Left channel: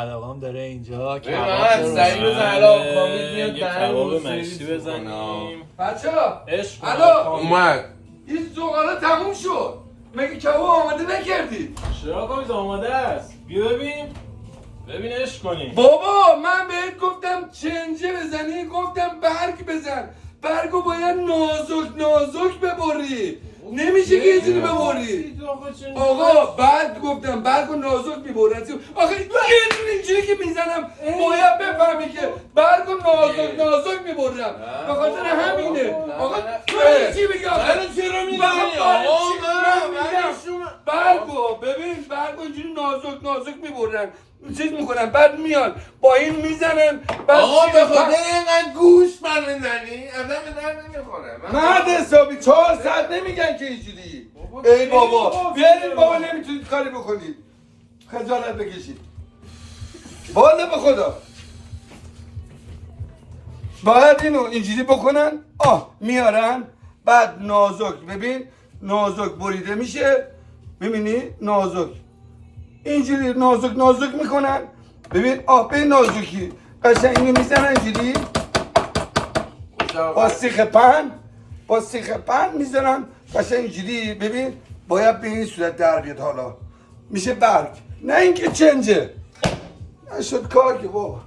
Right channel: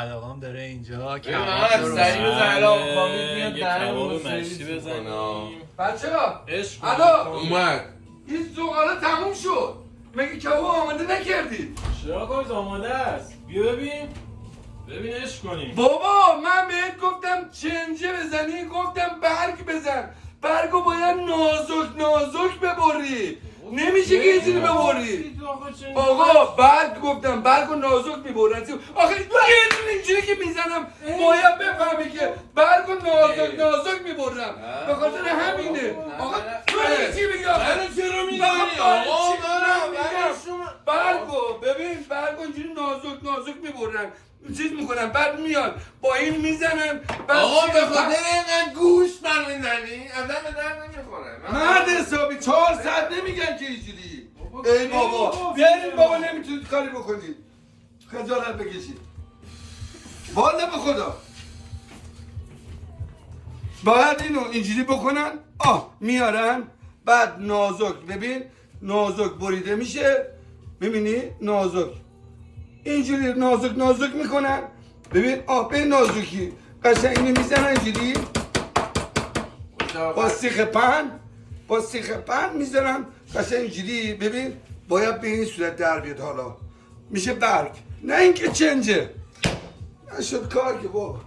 مداقام داره اینجا کباب من سریع بزن الان کامل میاد یه کباب مشتی بزنیم. بچه‌ها عشق الو اومد این زغاله تموم شد. مگه کباب آماده نکردید؟ چرا کامیز آماده است؟ بیا ببین عشق کنیم. بابا من بهت گفتم چنجه بزنی، گفتم برگ بزن. برگو باید نازک ببری. نمیشه که یه جوری ببری. آقا برگ گفتم برگو نازک میبرن. آخه یه جوری اینجوری که میزنم باید بفهمی که برگو نازک میبرم. به خاطر همینه. آقا تو چی میگی؟ من چرا میزنی؟ آقا برگو ببین برگو اینجوری نازک میبرن. چیز میکنن بعد میان با این میزنن. آقا به خاطر اینقدر گوش من میزنی؟ آدم به درد نمیخوره. مرد حسابی 4 ساعت نمیگن که اینجوری. ای بابا بیارید بابا نمیتونید کاری بکنید. خجالت بکشید. والا به خدا باید اینو اینجوری بکنن. میارن بعد نازک ببین نازک بریده میشه. ببینی نازک اینجوری نازک میکنن. ببین به نازکی قشنگ اینو میزنن اینجوری با سیخ پن میذارن قشنگ اینجوری. ببین باید به این صورت در بیاد. حالا میشه برگ نه اینکه چنجه. نشد کار که بابا.